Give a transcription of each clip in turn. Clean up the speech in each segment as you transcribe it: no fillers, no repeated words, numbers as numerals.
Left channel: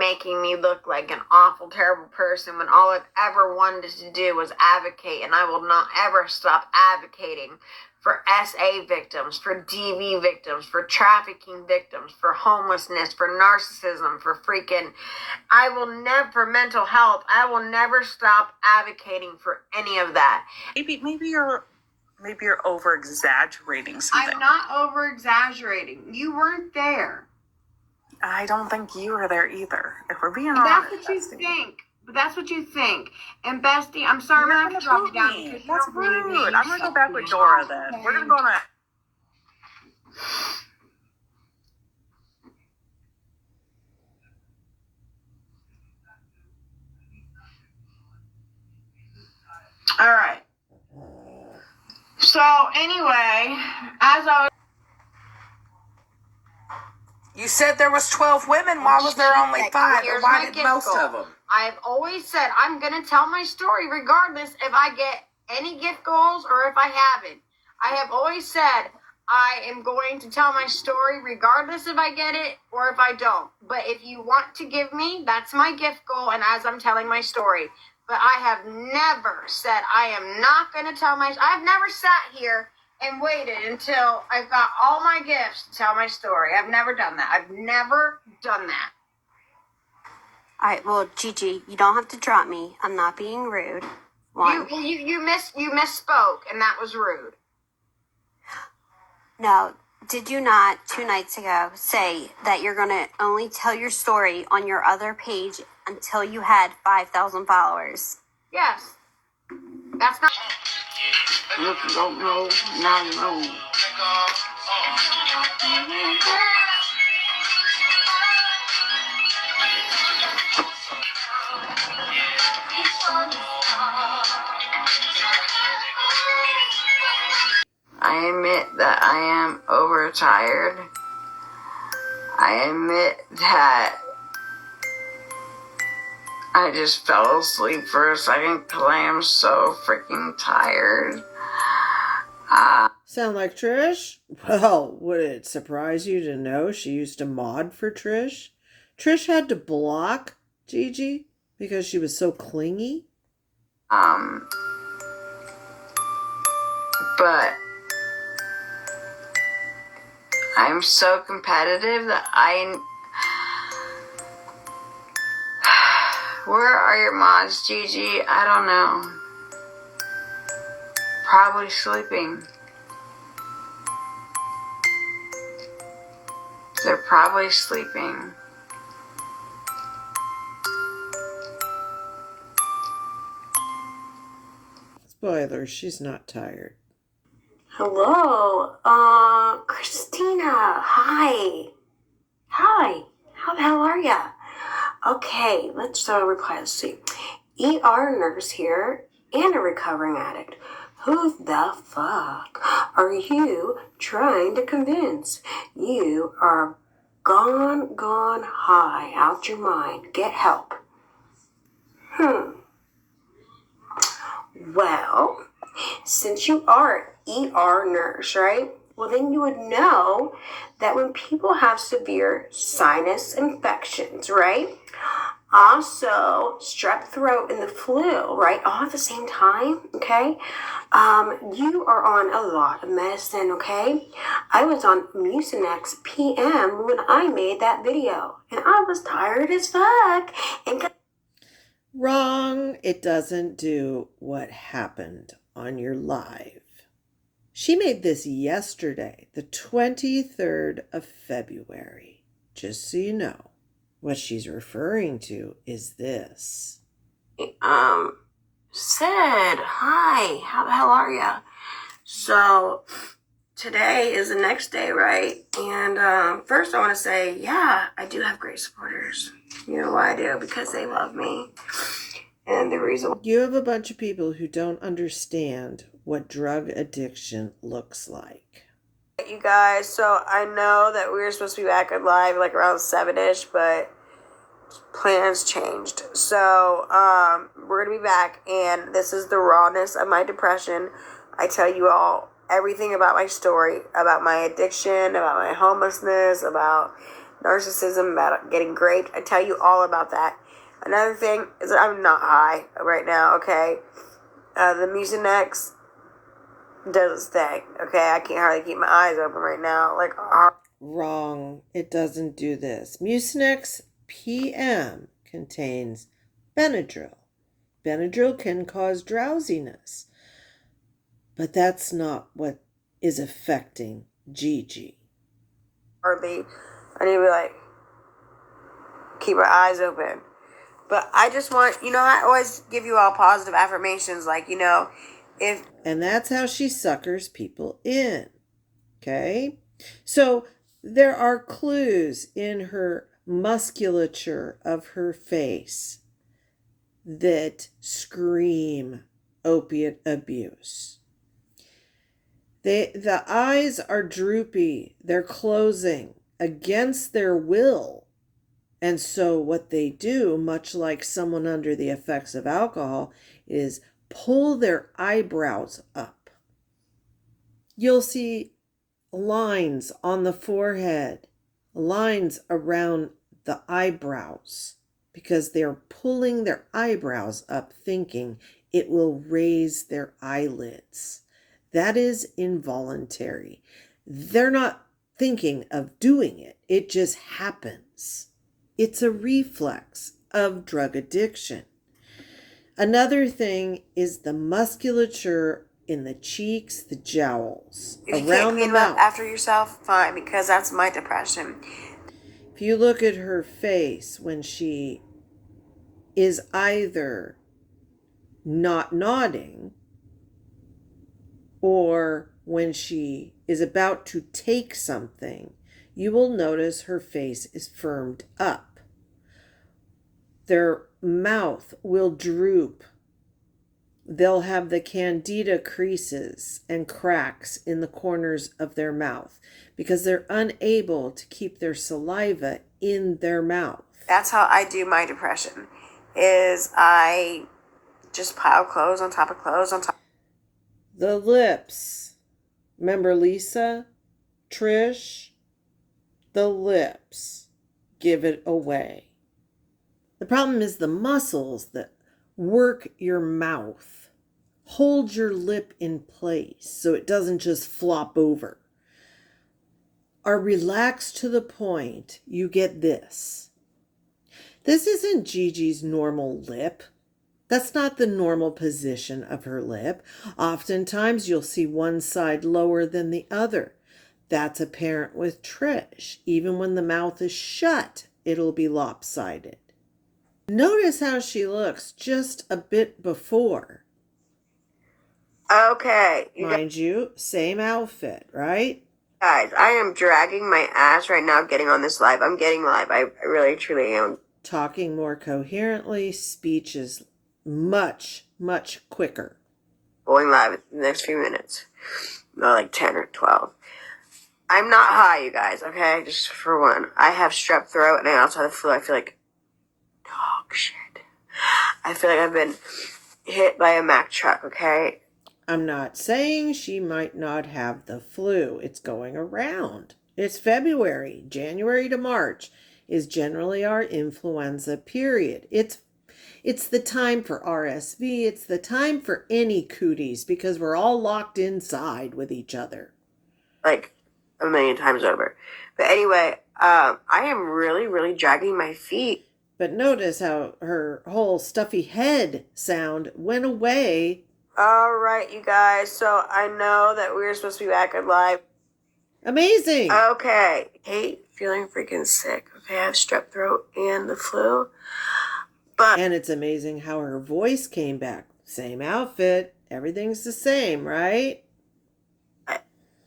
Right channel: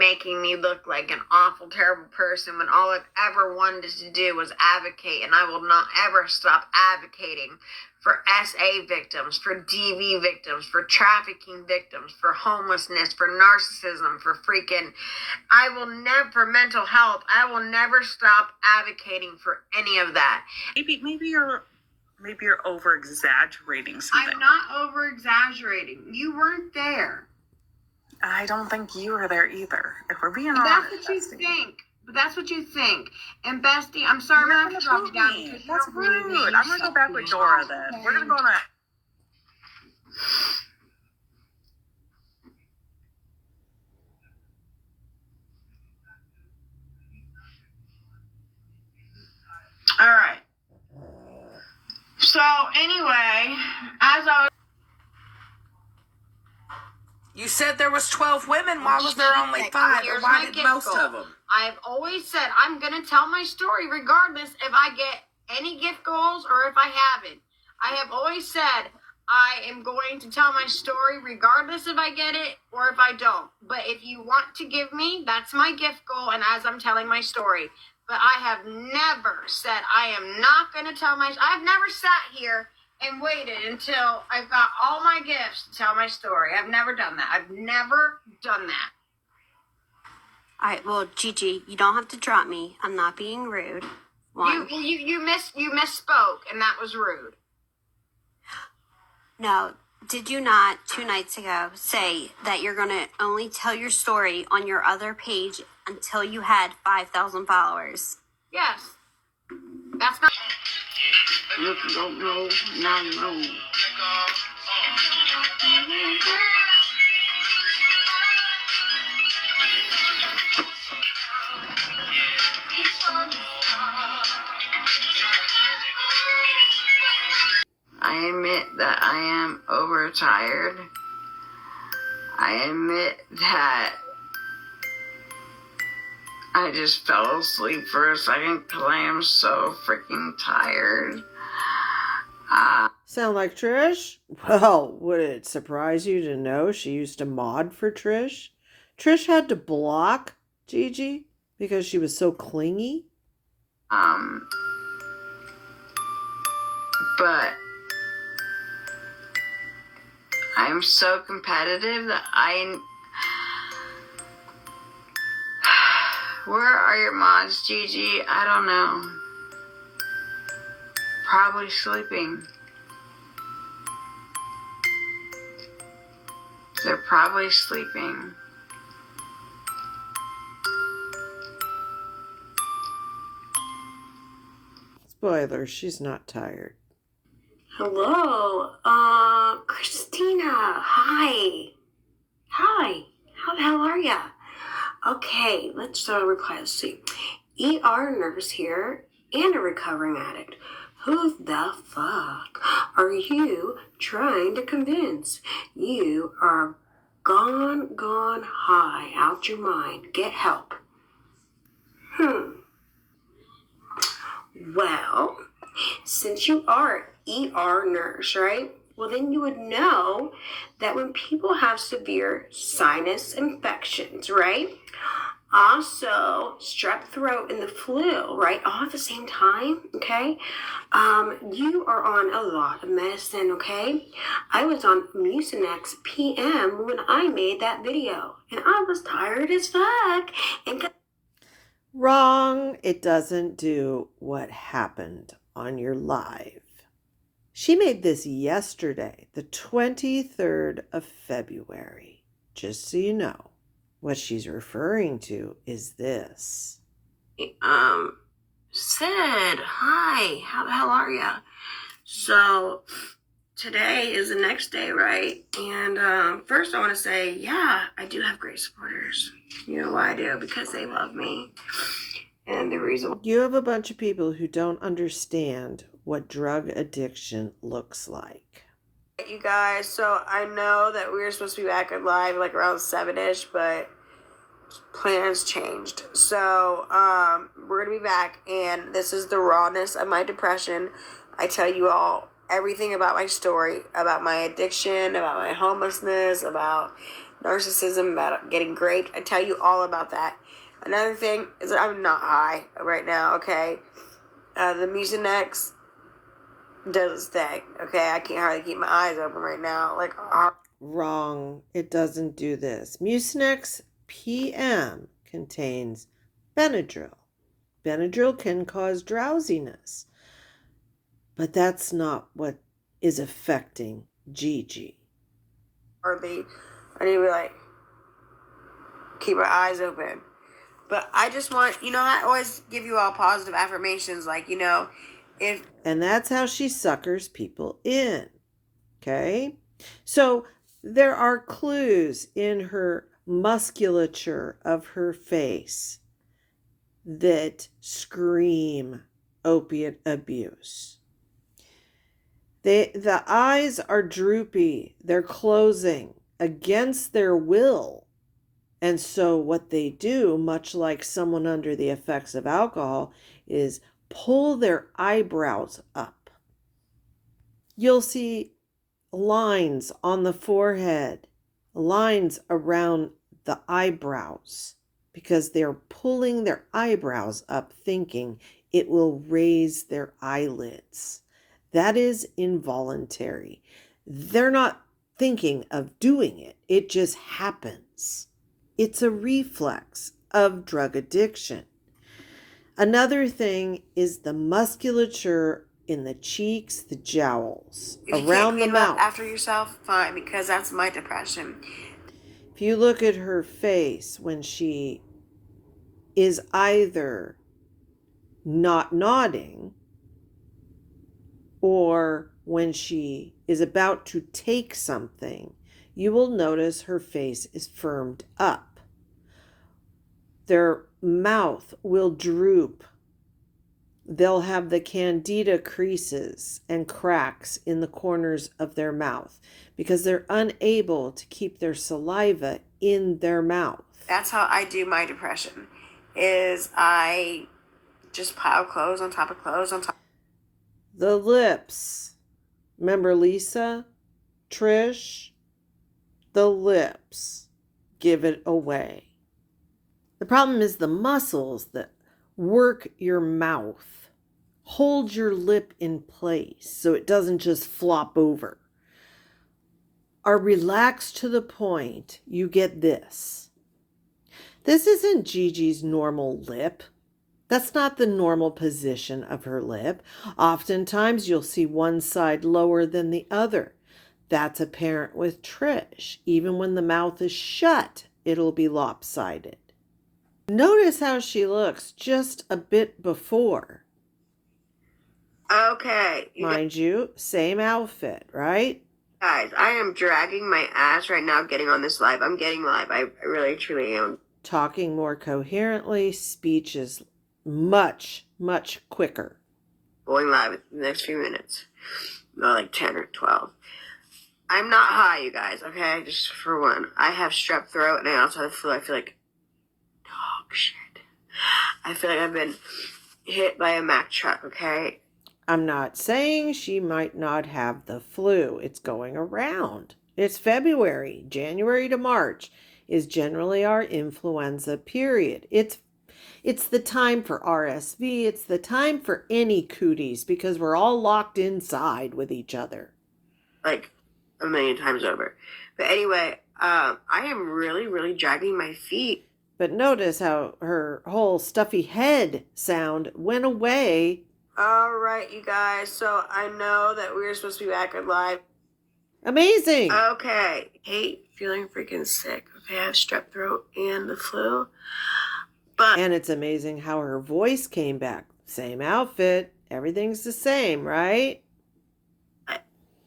making me look like an awful, terrible person when all I've ever wanted to do was advocate, and I will not ever stop advocating for SA victims, for DV victims, for trafficking victims, for homelessness, for narcissism, for for mental health. I will never stop advocating for any of that. Maybe you're over exaggerating something. I'm not over exaggerating. You weren't there. I don't think you were there either. If we're being honest. That's what you think. But that's what you think. And Bestie, I'm sorry, I'm going to drop you down because that's rude. I'm going to go back with Dora then. Okay. We're going to go on a... All right. So anyway, as I was... You said there was 12 women. Why was there only 5? Or why did most of them? I've always said I'm going to tell my story regardless if I get any gift goals or if I haven't. I have always said I am going to tell my story regardless if I get it or if I don't. But if you want to give me, that's my gift goal, and as I'm telling my story. But I have never said I am not going to tell my... I've never sat here and waited until I've got all my gifts to tell my story. I've never done that. I've never done that. All right, well, Gigi, you don't have to drop me. I'm not being rude. You misspoke, and that was rude. No, did you not 2 nights ago say that you're going to only tell your story on your other page until you had 5,000 followers? Yes. That's not... Look, don't know, now know. I admit that I am overtired. I admit that I just fell asleep for a second because I am so freaking tired. Sound like Trish? Well, would it surprise you to know she used to mod for Trish? Trish had to block Gigi because she was so clingy. But I'm so competitive that Where are your mods, Gigi? I don't know. Probably sleeping. They're probably sleeping. Spoiler, she's not tired. Hello, Christina, hi. Hi, how the hell are ya? Okay, let's reply. Let's see. ER nurse here and a recovering addict. Who the fuck are you trying to convince? You are gone high, out your mind. Get help. Well, since you are an ER nurse, right? Well, then you would know that when people have severe sinus infections, right? Also, strep throat and the flu, right? All at the same time, okay? You are on a lot of medicine, okay? I was on Mucinex PM when I made that video, and I was tired as fuck. Wrong. It doesn't do what happened on your live. She made this yesterday, the 23rd of February. Just so you know. What she's referring to is this. Sid, hi, how the hell are ya? So, today is the next day, right? And first I want to say, yeah, I do have great supporters. You know why I do? Because they love me. And the reason... You have a bunch of people who don't understand what drug addiction looks like. You guys, so I know that we were supposed to be back on live like around 7-ish, but plans changed. So we're gonna be back, and this is the rawness of my depression. I tell you all everything about my story, about my addiction, about my homelessness, about narcissism, about getting great. I tell you all about that. Another thing is that I'm not high right now, okay? The Mucinex does its thing, okay? I can't hardly keep my eyes open right now. Like, Wrong. It doesn't do this. Mucinex PM contains Benadryl. Benadryl can cause drowsiness, but that's not what is affecting Gigi. hardly. I need to be like, keep my eyes open. But I just want, I always give you all positive affirmations, like, if... And that's how she suckers people in. Okay? So there are clues in her musculature of her face that scream opiate abuse. The eyes are droopy. They're closing against their will. And so what they do, much like someone under the effects of alcohol, is pull their eyebrows up. You'll see lines on the forehead, lines around the eyebrows, because they're pulling their eyebrows up thinking it will raise their eyelids. That is involuntary. They're not thinking of doing it. It just happens. It's a reflex of drug addiction. Another thing is the musculature in the cheeks, the jowls, around the mouth. After yourself, fine, because that's my depression. If you look at her face when she is either not nodding or when she is about to take something, you will notice her face is firmed up. Their mouth will droop. They'll have the candida creases and cracks in the corners of their mouth because they're unable to keep their saliva in their mouth. That's how I do my depression, is I just pile clothes on top of clothes on top. The lips. Remember Lisa? Trish? The lips give it away. The problem is the muscles that work your mouth, hold your lip in place so it doesn't just flop over, are relaxed to the point you get this. This isn't Gigi's normal lip. That's not the normal position of her lip. Oftentimes you'll see one side lower than the other. That's apparent with Trish. Even when the mouth is shut, it'll be lopsided. Notice how she looks just a bit before. Okay. Mind you, same outfit, right? Guys, I am dragging my ass right now getting on this live. I'm getting live. I really, truly am. Talking more coherently, speech is much, much quicker. Going live in the next few minutes. Not like 10 or 12. I'm not high, you guys, okay? Just for one. I have strep throat and I also have the flu. I feel like dog shit. I feel like I've been hit by a Mack truck, okay? I'm not saying she might not have the flu. It's going around. It's February. January to March is generally our influenza period. It's the time for RSV. It's the time for any cooties because we're all locked inside with each other. Like a million times over. But anyway, I am really, really dragging my feet. But notice how her whole stuffy head sound went away. All right, you guys. So I know that we were supposed to be back on live. Amazing. Okay. Hate feeling freaking sick. Okay, I have strep throat and the flu. And it's amazing how her voice came back. Same outfit. Everything's the same, right?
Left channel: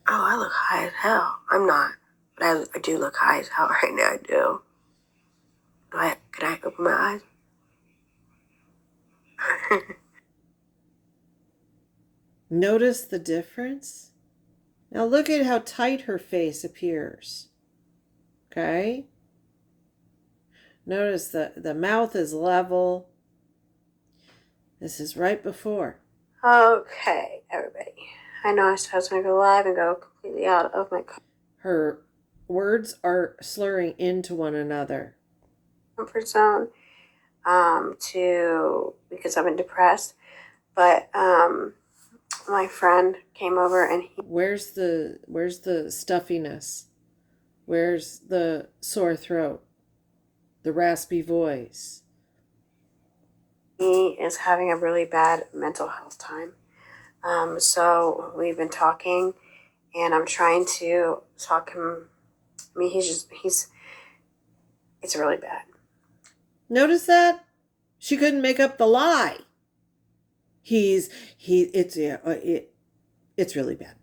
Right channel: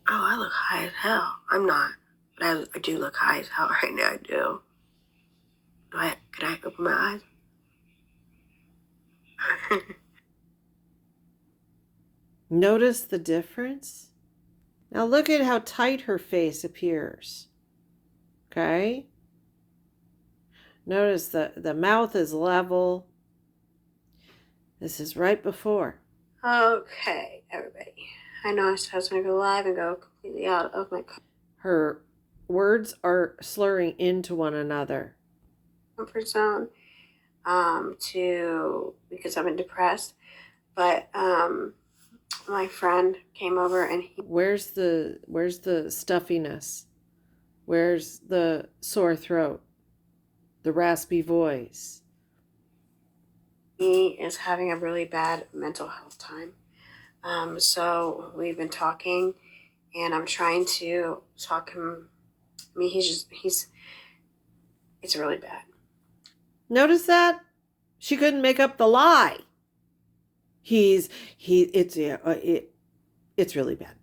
I look high as hell. I'm not. But I do look high as hell right now. I do. Can I open my eyes? Notice the difference? Now look at how tight her face appears. Okay? Notice the mouth is level. This is right before. Okay, everybody. I know I was going to go live and go completely out of my... Her Words are slurring into one another. Comfort zone, because I've been depressed. But my friend came over and where's the stuffiness? Where's the sore throat? The raspy voice? he is having a really bad mental health time. So we've been talking, and I'm trying to talk him. I mean, it's really bad. Notice that? She couldn't make up the lie. It's really bad.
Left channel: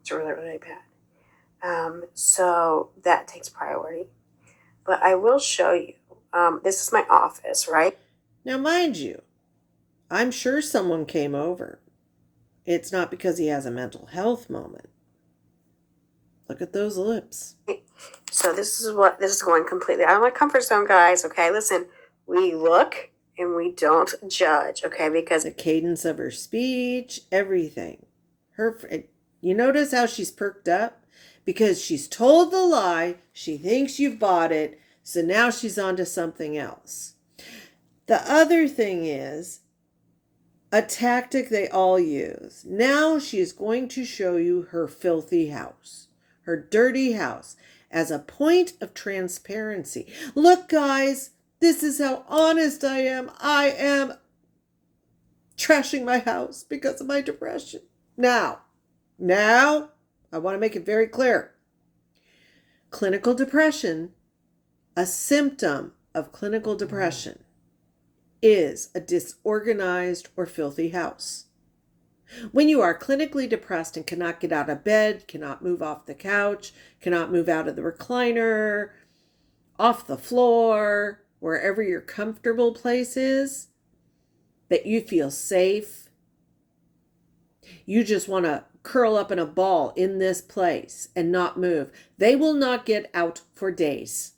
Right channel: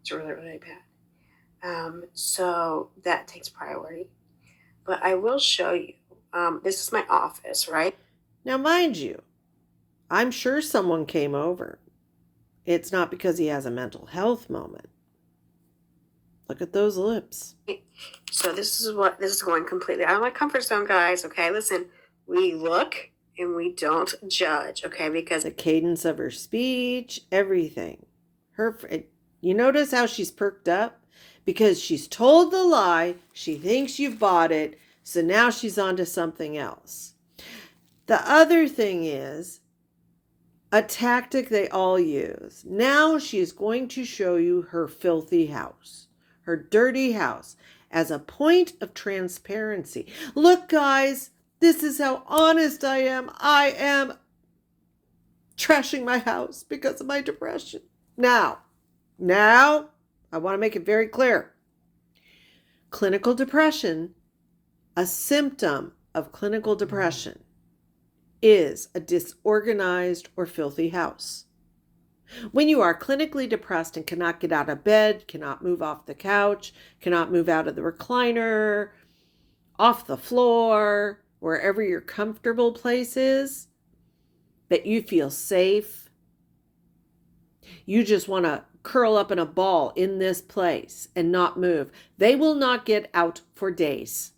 It's really, really bad. So that takes priority. But I will show you. This is my office, right? Now, mind you, I'm sure someone came over. It's not because he has a mental health moment. Look at those lips. So this is going completely out of my comfort zone, guys. Okay, listen, we look and we don't judge, okay? Because the cadence of her speech, everything. You notice how she's perked up? Because she's told the lie, she thinks you bought it, so now she's on to something else. The other thing is a tactic they all use. Now she is going to show you her filthy house, her dirty house, as a point of transparency. Look, guys, this is how honest I am. I am trashing my house because of my depression. Now, I want to make it very clear. Clinical depression, a symptom of clinical depression, is a disorganized or filthy house. When you are clinically depressed and cannot get out of bed, cannot move off the couch, cannot move out of the recliner, off the floor, wherever your comfortable place is, that you feel safe, you just want to curl up in a ball in this place and not move. They will not get out for days.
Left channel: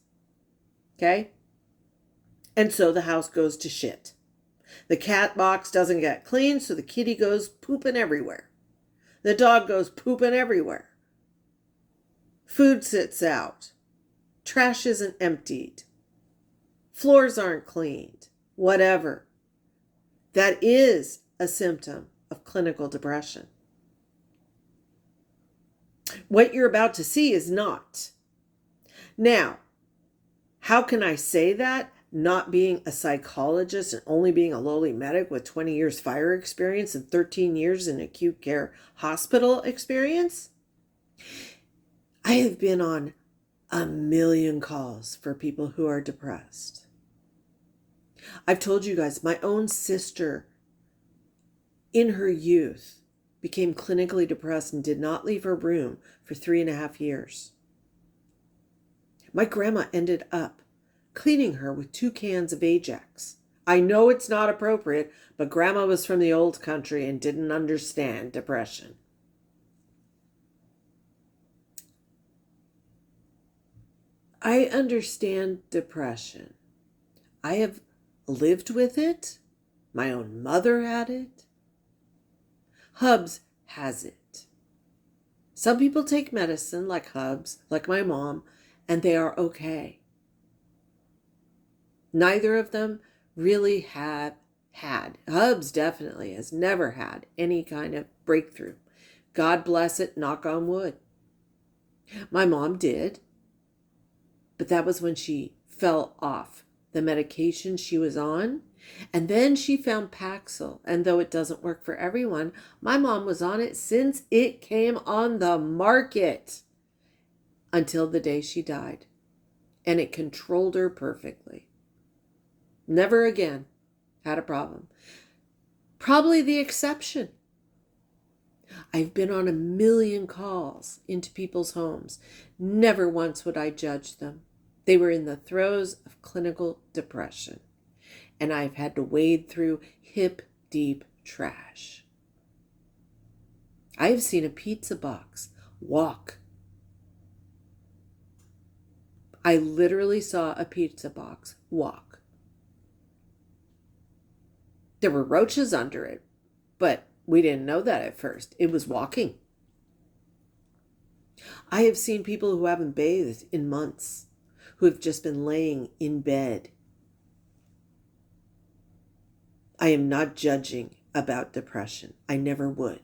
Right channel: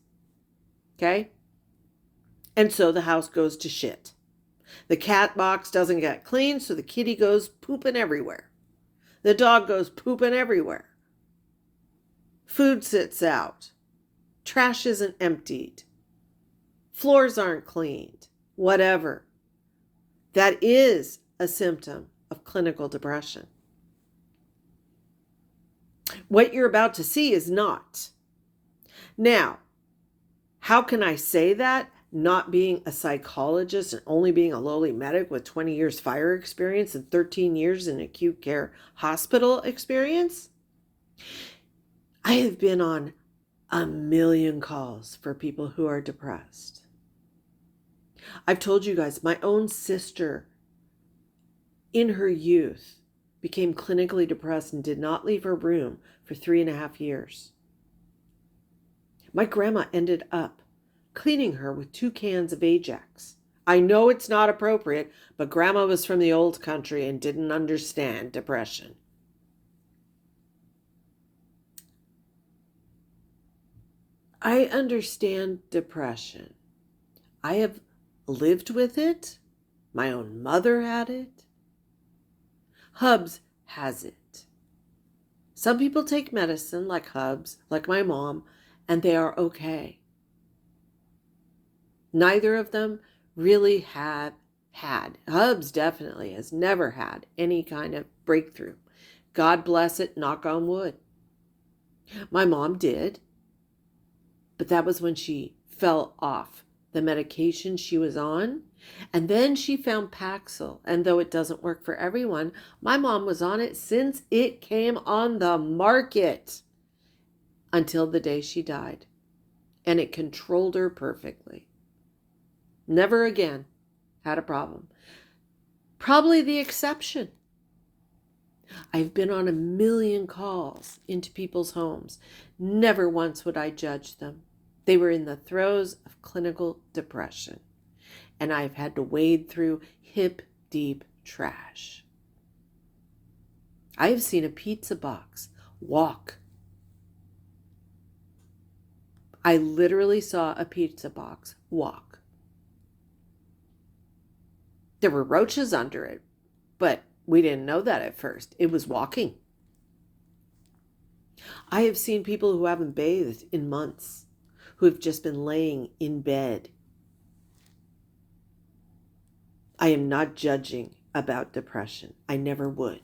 Okay? And so the house goes to shit. The cat box doesn't get cleaned, so the kitty goes pooping everywhere. The dog goes pooping everywhere. Food sits out. Trash isn't emptied. Floors aren't cleaned. Whatever. That is a symptom of clinical depression. What you're about to see is not. Now, how can I say that? Not being a psychologist and only being a lowly medic with 20 years fire experience and 13 years in acute care hospital experience? I have been on a million calls for people who are depressed. I've told you guys, my own sister in her youth became clinically depressed and did not leave her room for 3.5 years. My grandma ended up cleaning her with 2 cans of Ajax. I know it's not appropriate, but grandma was from the old country and didn't understand depression. I understand depression. I have lived with it. My own mother had it. Hubs has it. Some people take medicine like Hubs, like my mom, and they are okay. Neither of them really had. Hubs definitely has never had any kind of breakthrough. God bless it, knock on wood. My mom did, but that was when she fell off the medication she was on. And then she found Paxil. And though it doesn't work for everyone, my mom was on it since it came on the market until the day she died. And it controlled her perfectly. Never again had a problem. Probably the exception. I've been on a million calls into people's homes. Never once would I judge them. They were in the throes of clinical depression. And I've had to wade through hip-deep trash. I have seen a pizza box walk. I literally saw a pizza box walk. There were roaches under it, but we didn't know that at first. It was walking. I have seen people who haven't bathed in months, who have just been laying in bed. I am not judging about depression. I never would.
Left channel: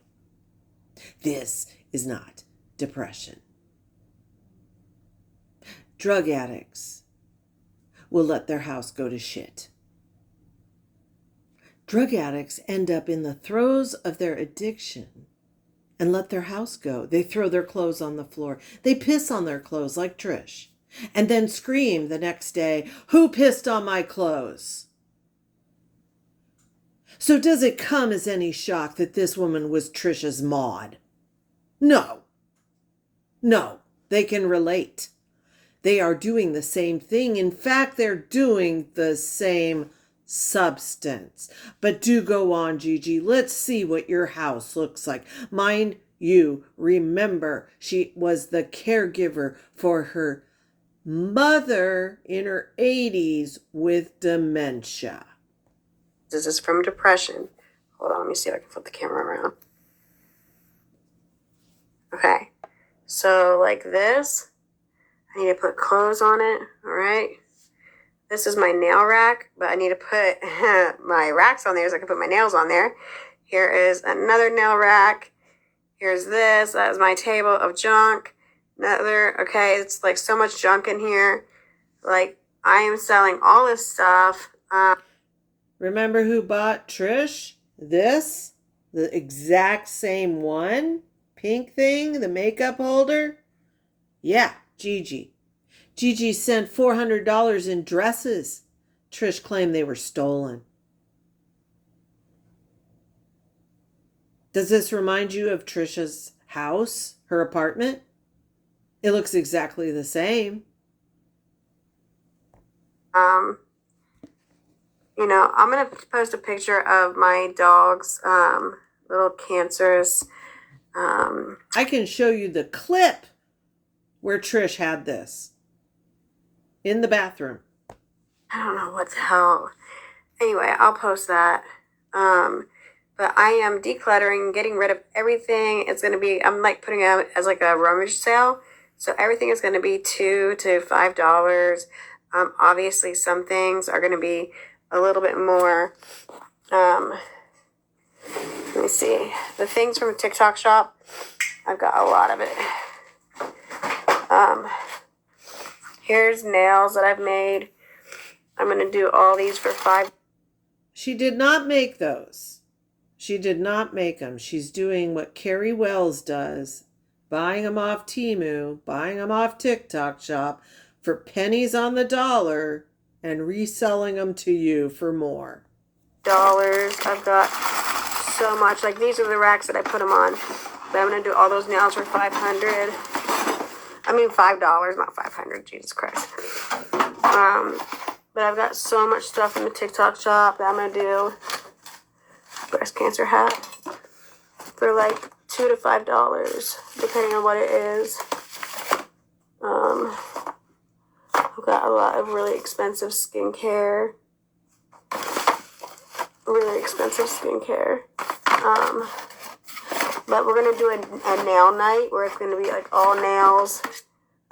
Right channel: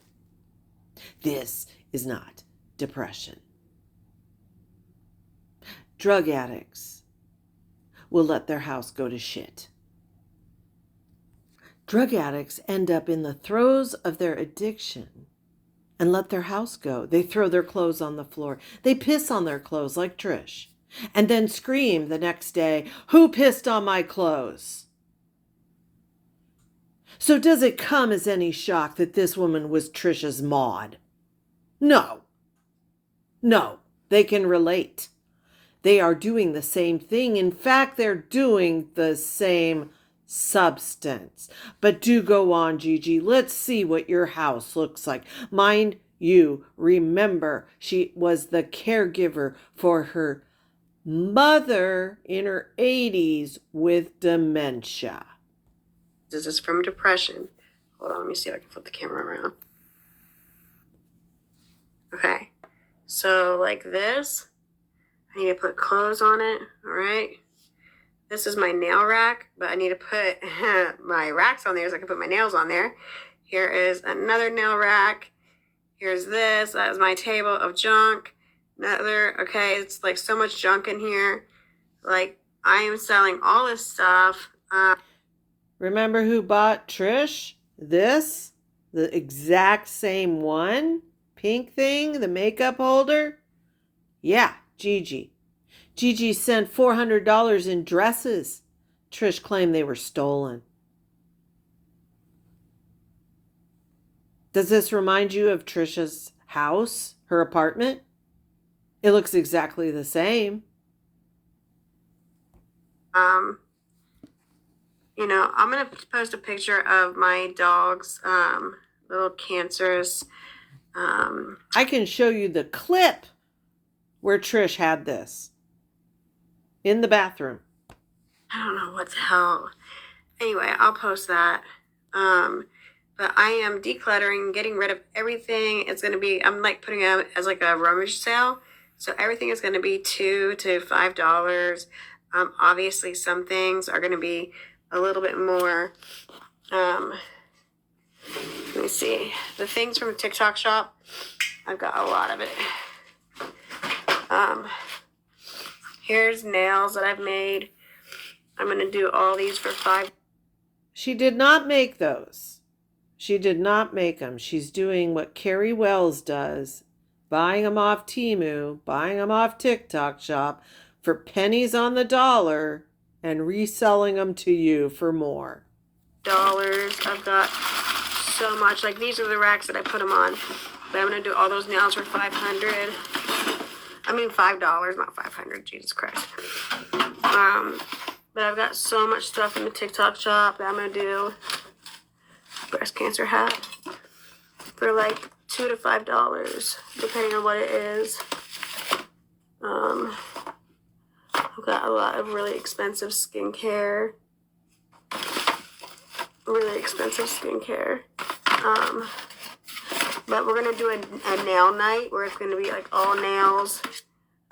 This is not depression. Drug addicts will let their house go to shit. Drug addicts end up in the throes of their addiction and let their house go. They throw their clothes on the floor. They piss on their clothes like Trish, and then scream the next day, "Who pissed on my clothes?" So does it come as any shock that this woman was Trisha's Maud? No. No, they can relate. They are doing the same thing. In fact, they're doing the same substance. But do go on, Gigi. Let's see what your house looks like. Mind you, remember, she was the caregiver for her mother in her 80s with dementia. This is from depression. Hold on, let me see if I can flip the camera around. Okay, so like this, I need to put clothes on it, all right? This is my nail rack, but I need to put my racks on there so I can put my nails on there. Here is another nail rack. Here's this, that is my table of junk. Another, okay, it's like so much junk in here. Like, I am selling all this stuff. Remember who bought Trish this? The exact same one? Pink thing? The makeup holder? Yeah, Gigi. Gigi sent $400 in dresses. Trish claimed they were stolen. Does this remind you of Trisha's house, her apartment? It looks exactly the same. You know, I'm going to post a picture of my dog's little cancers. I can show you the clip where Trish had this in the bathroom. I don't know what the hell. Anyway, I'll post that. But I am decluttering, getting rid of everything. It's going to be, I'm like putting out as like a rummage sale. So everything is going to be $2 to $5. Obviously, some things are going to be a little bit more. Let me see. The things from TikTok shop, I've got a lot of it. Here's nails that I've made. I'm going to do all these for $5. She did not make those. She did not make them. She's doing what Carrie Wells does, buying them off Temu, buying them off TikTok shop for pennies on the dollar and reselling them to you for more. I've got so much. Like, these are the racks that I put them on. But I'm going to do all those nails for $500. I mean $5, not $500. Jesus Christ. But I've got so much stuff in the TikTok shop that I'm going to do. Breast cancer hat for like $2 to $5, depending on what it is. I've got a lot of really expensive skincare. But we're going to do a nail night where it's going to be like all nails.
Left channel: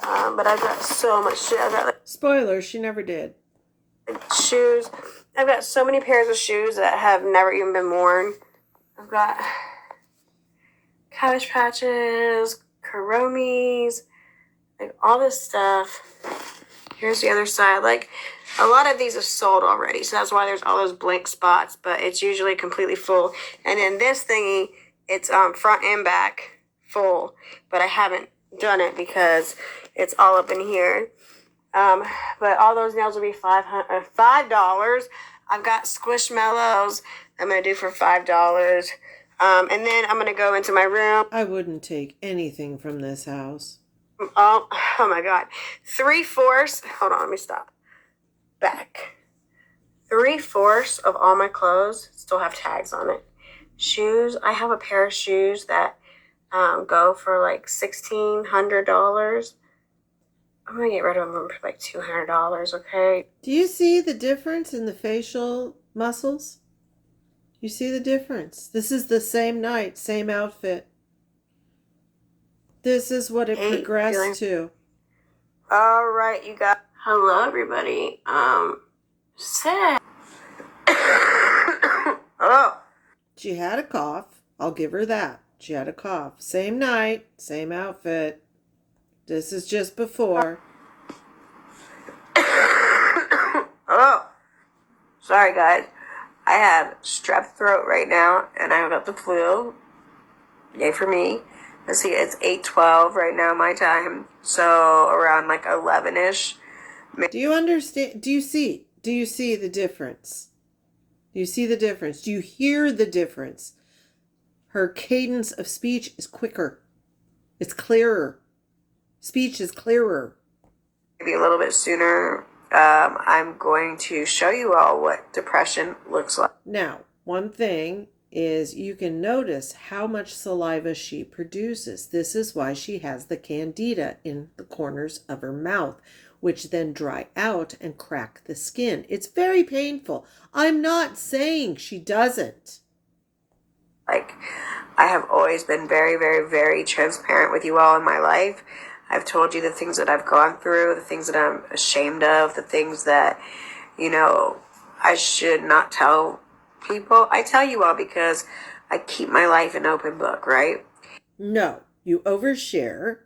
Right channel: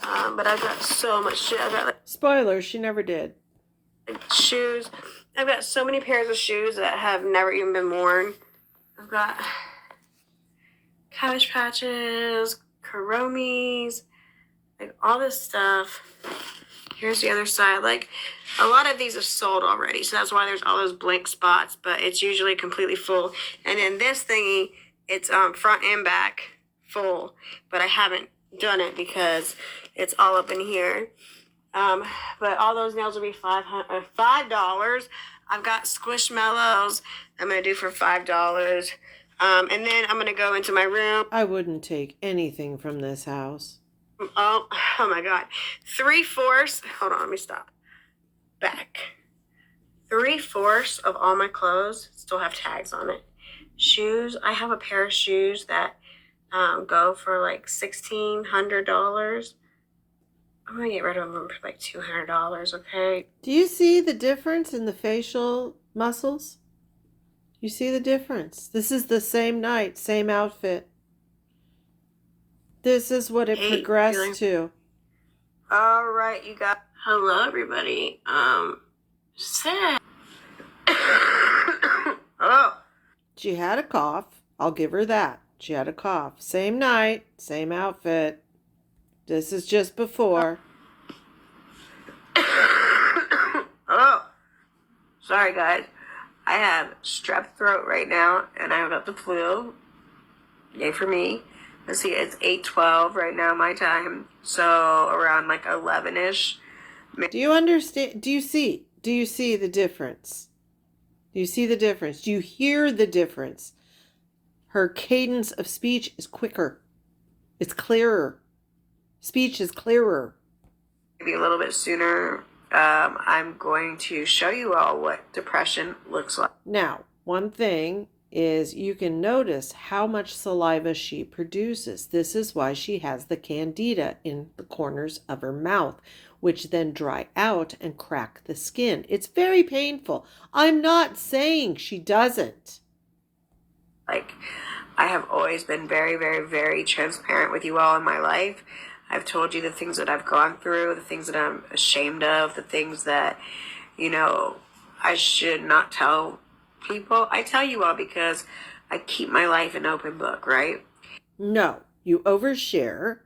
But I've got so much shit. I've got like Spoiler, she never did. shoes. I've got so many pairs of shoes that have never even been worn. I've got Cabbage Patches, Kuromis, like all this stuff. Here's the other side. Like, a lot of these are sold already, so that's why there's all those blank spots, but it's usually completely full. And then this thingy, it's front and back full, but I haven't done it because it's all up in here. But all those nails will be $5. I've got Squishmallows I'm going to do for $5. And then I'm going to go into my room. I wouldn't take anything from this house. Oh my God. 3/4. Hold on, let me stop. Back. 3/4 of all my clothes still have tags on it. Shoes. I have a pair of shoes that go for like $1,600. I'm going to get rid of them for like $200, okay? Do you see the difference in the facial muscles? You see the difference? This is the same night, same outfit. This is what it Hate progressed to. All right, you got. Hello, everybody. Sad. Oh. She had a cough. I'll give her that. She had a cough. Same night, same outfit. This is just before. Oh. Sorry, guys. I have strep throat right now, and I got the flu. Yay for me. Let's see, it's 8:12 right now, my time. So around like 11-ish. Do you understand? Do you see the difference? Do you see the difference? Do you hear the difference? Her cadence of speech is quicker. It's clearer. Speech is clearer. Maybe a little bit sooner. I'm going to show you all what depression looks like. Now, one thing is you can notice how much saliva she produces. This is why she has the candida in the corners of her mouth, which then dry out and crack the skin. It's very painful. I'm not saying she doesn't. Like, I have always been very, very, very transparent with you all in my life. I've told you the things that I've gone through, the things that I'm ashamed of, the things that, I should not tell people. I tell you all because I keep my life an open book, right? No, you overshare.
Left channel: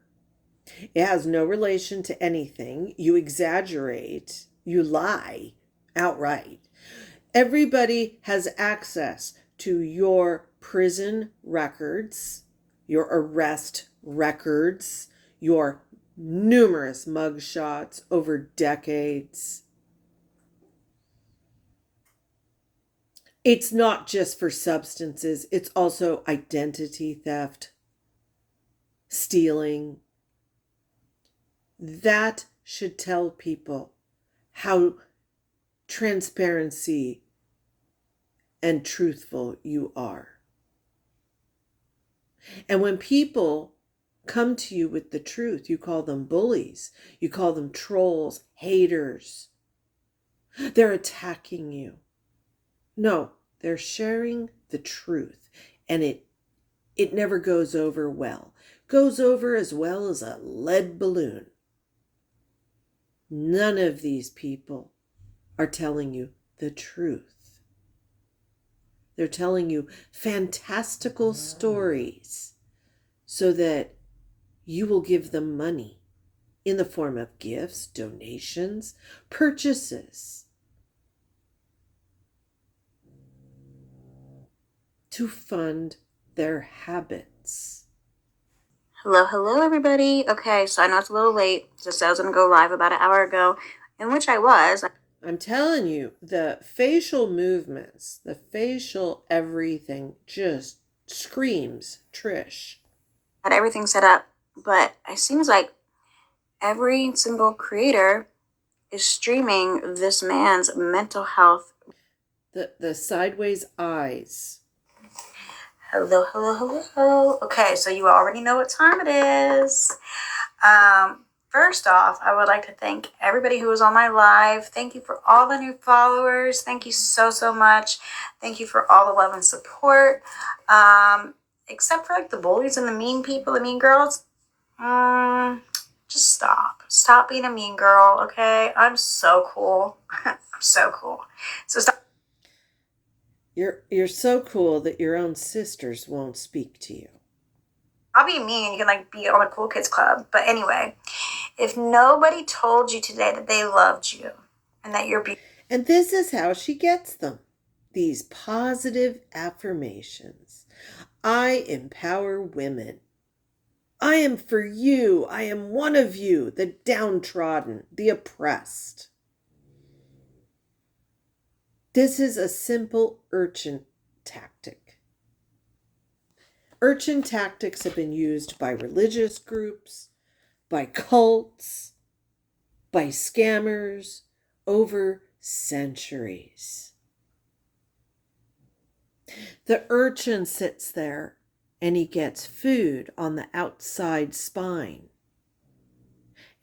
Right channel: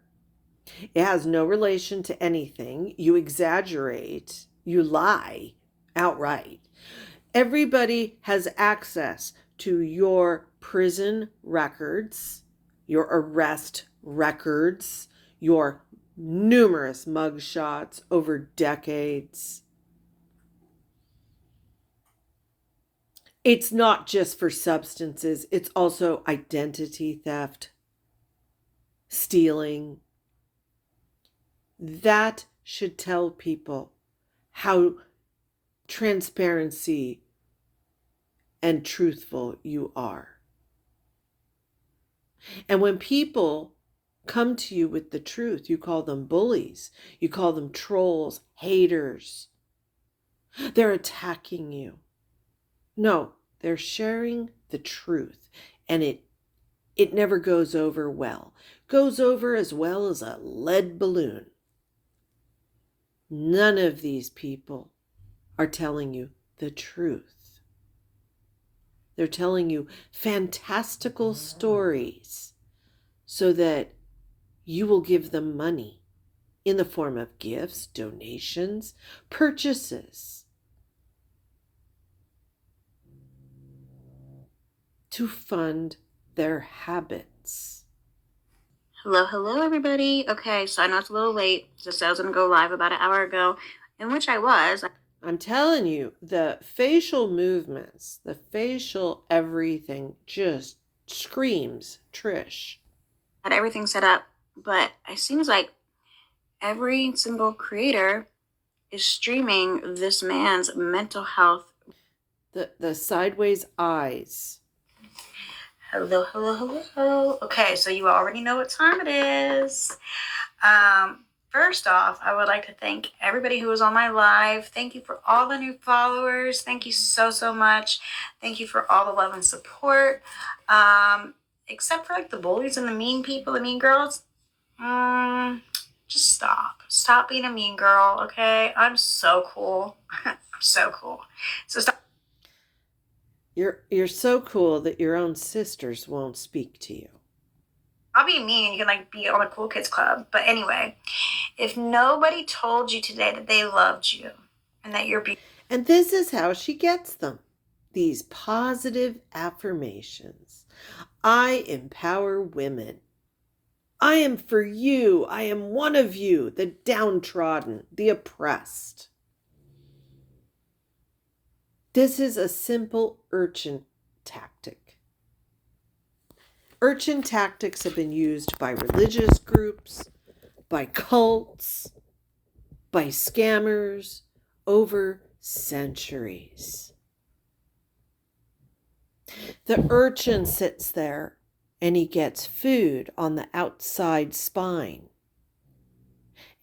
It has no relation to anything. You exaggerate. You lie outright. Everybody has access to your prison records, your arrest records, your numerous mugshots over decades. It's not just for substances, it's also identity theft, stealing. That should tell people how transparency and truthful you are. And when people come to you with the truth, you call them bullies, you call them trolls, haters. They're attacking you. No, they're sharing the truth, and it never goes over well. Goes over as well as a lead balloon. None of these people are telling you the truth. They're telling you fantastical stories so that you will give them money in the form of gifts, donations, purchases to fund their habits. Hello, everybody. Okay, so I know it's a little late. Just I was going to go live about an hour ago, in which I was. I'm telling you, the facial movements, the facial everything just screams Trish. Had everything set up, but it seems like every single creator is streaming this man's mental health. The sideways eyes. Hello. Okay, so you already know what time it is. First off, I would like to thank everybody who was on my live. Thank you for all the new followers. Thank you so much. Thank you for all the love and support. Except for like the bullies and the mean people, the mean girls. Just stop. Stop being a mean girl, okay? I'm so cool. I'm so cool. So stop. You're so cool that your own sisters won't speak to you. I'll be mean. You can be on a cool kids club. But anyway, if nobody told you today that they loved you and that you're beautiful. And this is how she gets them. These positive affirmations. I empower women. I am for you. I am one of you, the downtrodden, the oppressed. This is a simple Urchin tactic. Urchin tactics have been used by religious groups, by cults, by scammers over centuries. The urchin sits there and he gets food on the outside spine.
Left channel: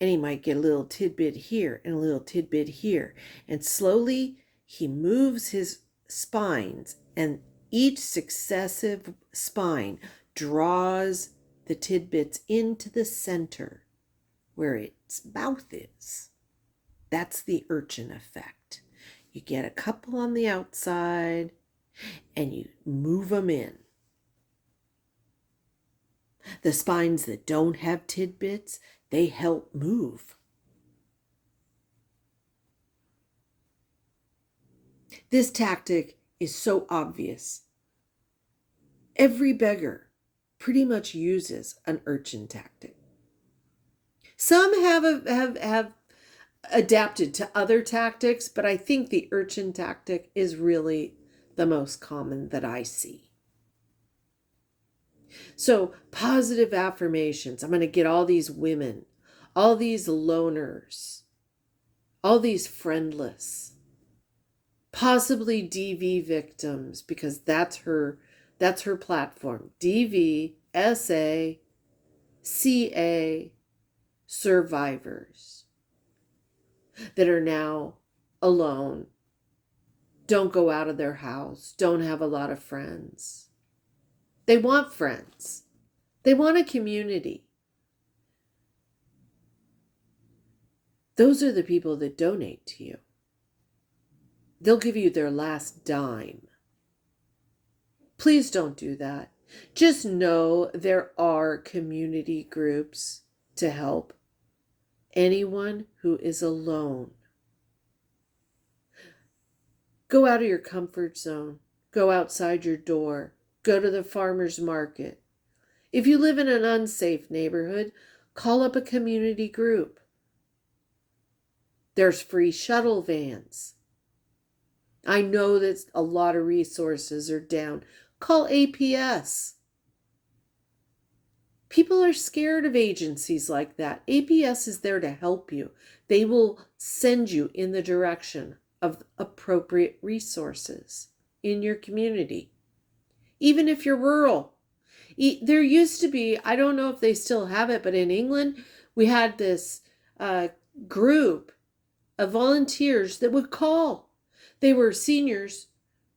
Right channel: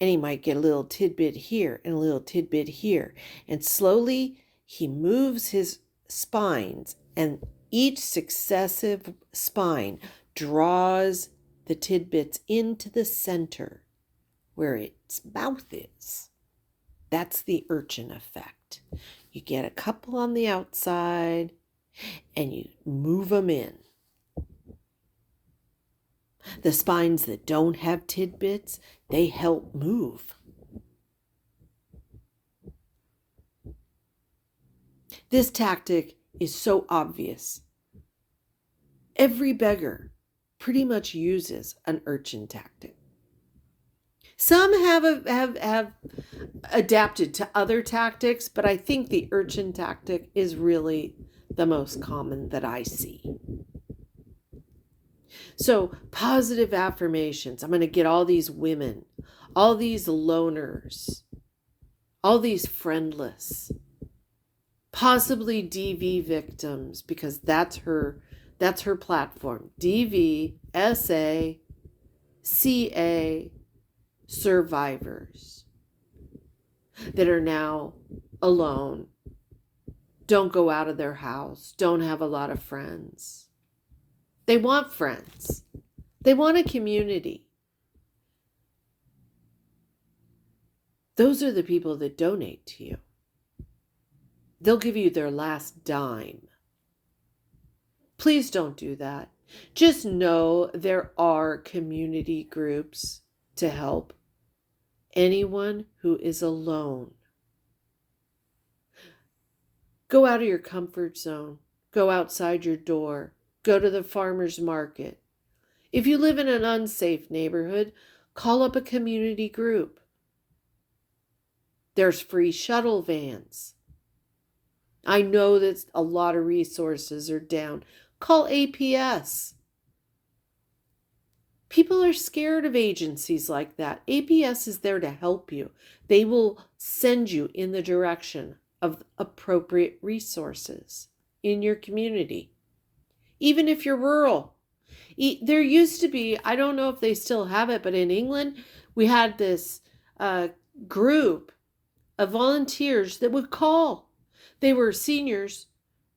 And he might get a little tidbit here and a little tidbit here. And slowly he moves his spines, and each successive spine draws the tidbits into the center where its mouth is. That's the urchin effect. You get a couple on the outside and you move them in. The spines that don't have tidbits, they help move. This tactic is so obvious. Every beggar pretty much uses an urchin tactic. Some have adapted to other tactics, but I think the urchin tactic is really the most common that I see. So positive affirmations. I'm going to get all these women, all these loners, all these friendless, possibly DV victims, because that's her platform. DV, SA, CA, survivors that are now alone, don't go out of their house, don't have a lot of friends. They want friends. They want a community. Those are the people that donate to you. They'll give you their last dime. Please don't do that. Just know there are community groups to help anyone who is alone. Go out of your comfort zone. Go outside your door. Go to the farmer's market. If you live in an unsafe neighborhood, call up a community group. There's free shuttle vans. I know that a lot of resources are down. Call APS. People are scared of agencies like that. APS is there to help you. They will send you in the direction of appropriate resources in your community. Even if you're rural. There used to be, I don't know if they still have it, but in England, we had this group of volunteers that would call. They were seniors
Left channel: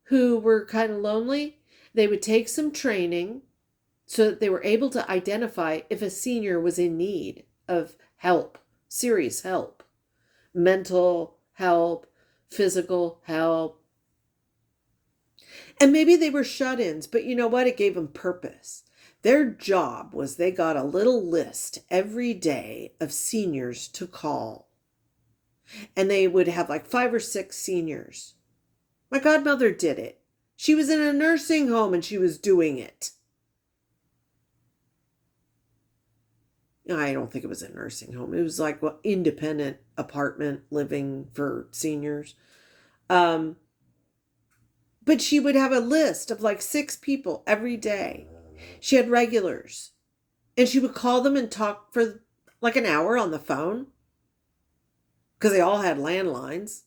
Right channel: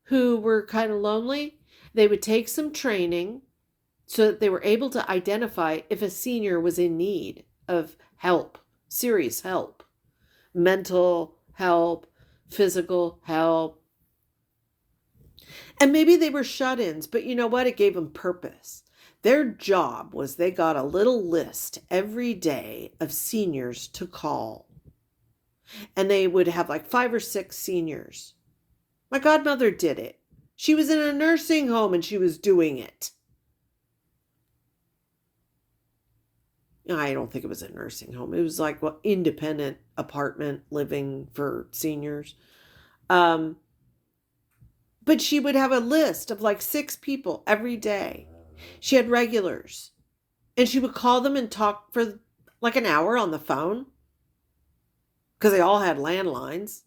who were kind of lonely. They would take some training so that they were able to identify if a senior was in need of help, serious help, mental help, physical help. And maybe they were shut-ins, but you know what? It gave them purpose. Their job was they got a little list every day of seniors to call. And they would have like 5 or 6 seniors. My godmother did it. She was in a nursing home and she was doing it. I don't think it was a nursing home. It was like independent apartment living for seniors. But she would have a list of like 6 people every day. She had regulars. And she would call them and talk for like an hour on the phone. Because they all had landlines.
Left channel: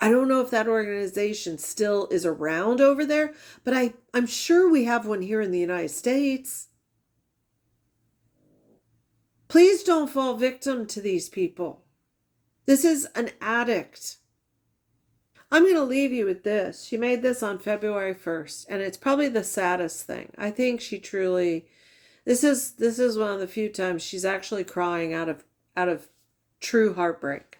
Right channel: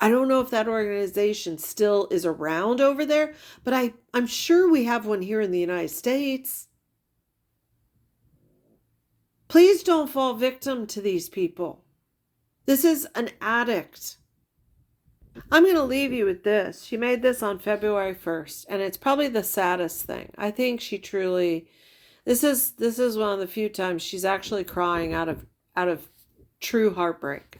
I don't know if that organization still is around over there, but I'm sure we have one here in the United States. Please don't fall victim to these people. This is an addict. I'm going to leave you with this. She made this on February 1st, and it's probably the saddest thing. I think she truly, this is one of the few times she's actually crying out of true heartbreak.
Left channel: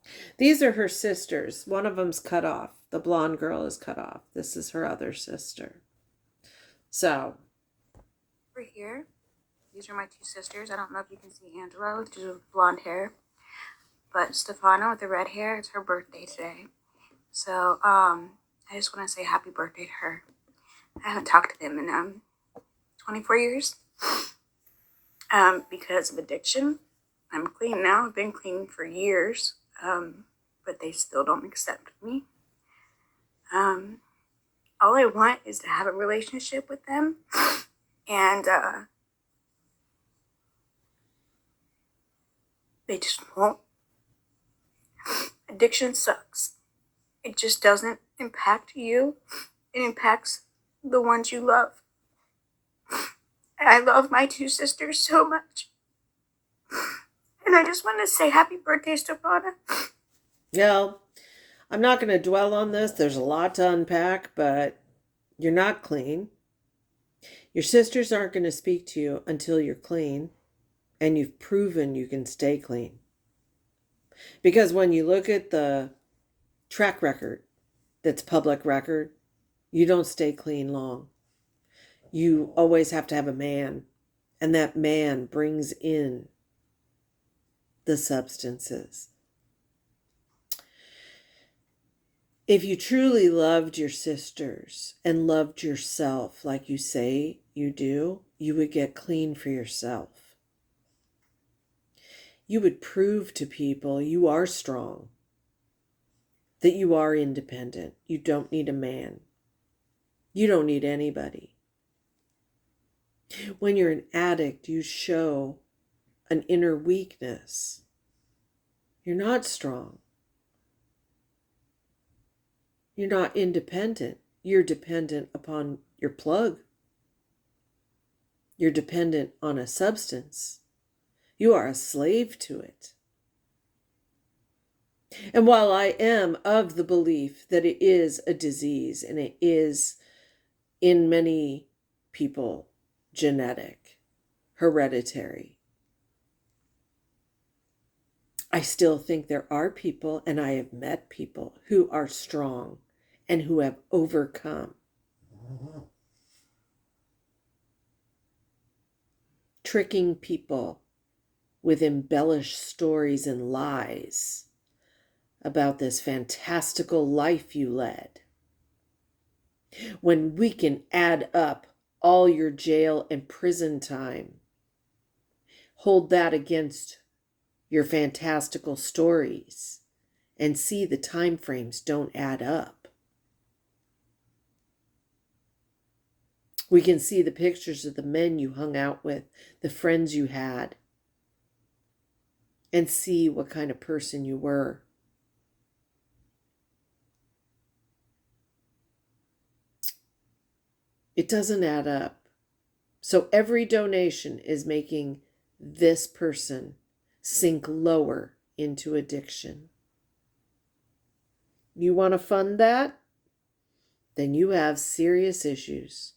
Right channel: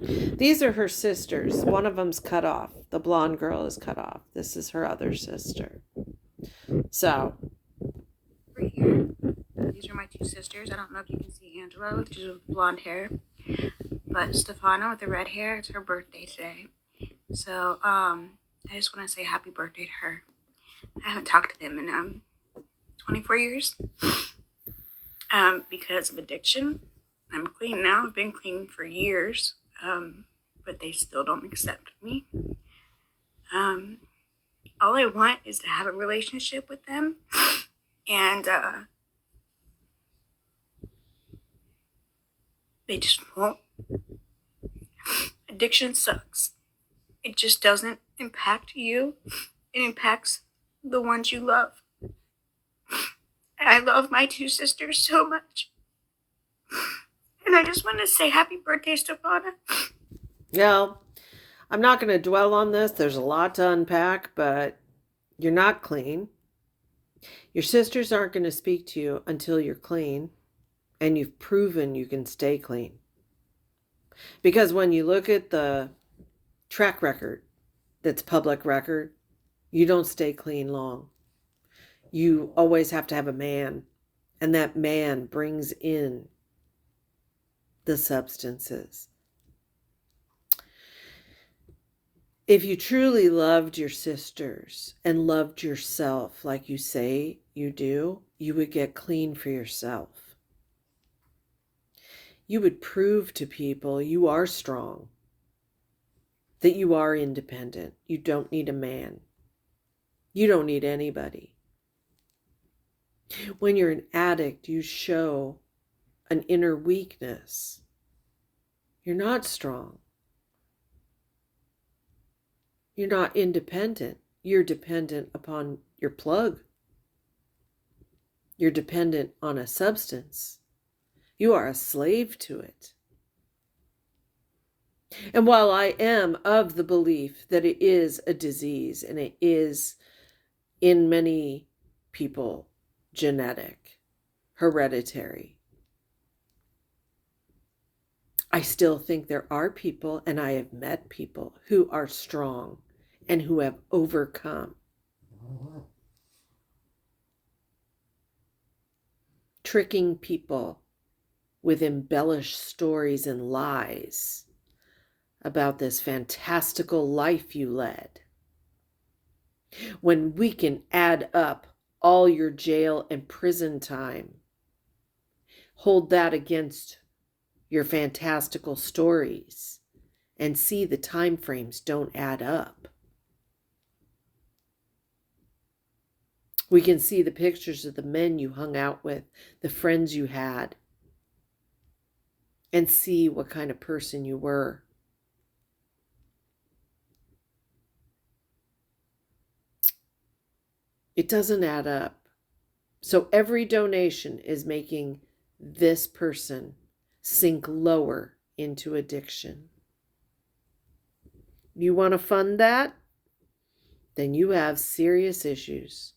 These are her sisters. One of them's cut off. The blonde girl is cut off. This is her other sister. So. Over here, these are my 2 sisters. I don't know if you can see Angela with the blonde hair, but Stefana with the red hair, it's her birthday today. So, I just want to say happy birthday to her. I haven't talked to them in 24 years because of addiction. I'm clean now. I've been clean for years, but they still don't accept me. All I want is to have a relationship with them, and they just won't. Addiction sucks. It just doesn't impact you. It impacts the ones you love. I love my 2 sisters so much. And I just want to say happy birthday, Stefana. No, I'm not going to dwell on this. There's a lot to unpack, but you're not clean. Your sisters aren't going to speak to you until you're clean and you've proven you can stay clean. Because when you look at the track record that's public record, you don't stay clean long. You always have to have a man, and that man brings in the substances. If you truly loved your sisters and loved yourself like you say you do, you would get clean for yourself. You would prove to people you are strong, that you are independent. You don't need a man. You don't need anybody. When you're an addict, you show an inner weakness. You're not strong. You're not independent. You're dependent upon your plug. You're dependent on a substance. You are a slave to it. And while I am of the belief that it is a disease and it is in many people genetic, hereditary, I still think there are people, and I have met people who are strong and who have overcome. Tricking people with embellished stories and lies about this fantastical life you led. When we can add up all your jail and prison time, hold that against your fantastical stories and see the time frames don't add up. We can see the pictures of the men you hung out with, the friends you had, and see what kind of person you were. It doesn't add up. So every donation is making this person sink lower into addiction. You want to fund that? Then you have serious issues.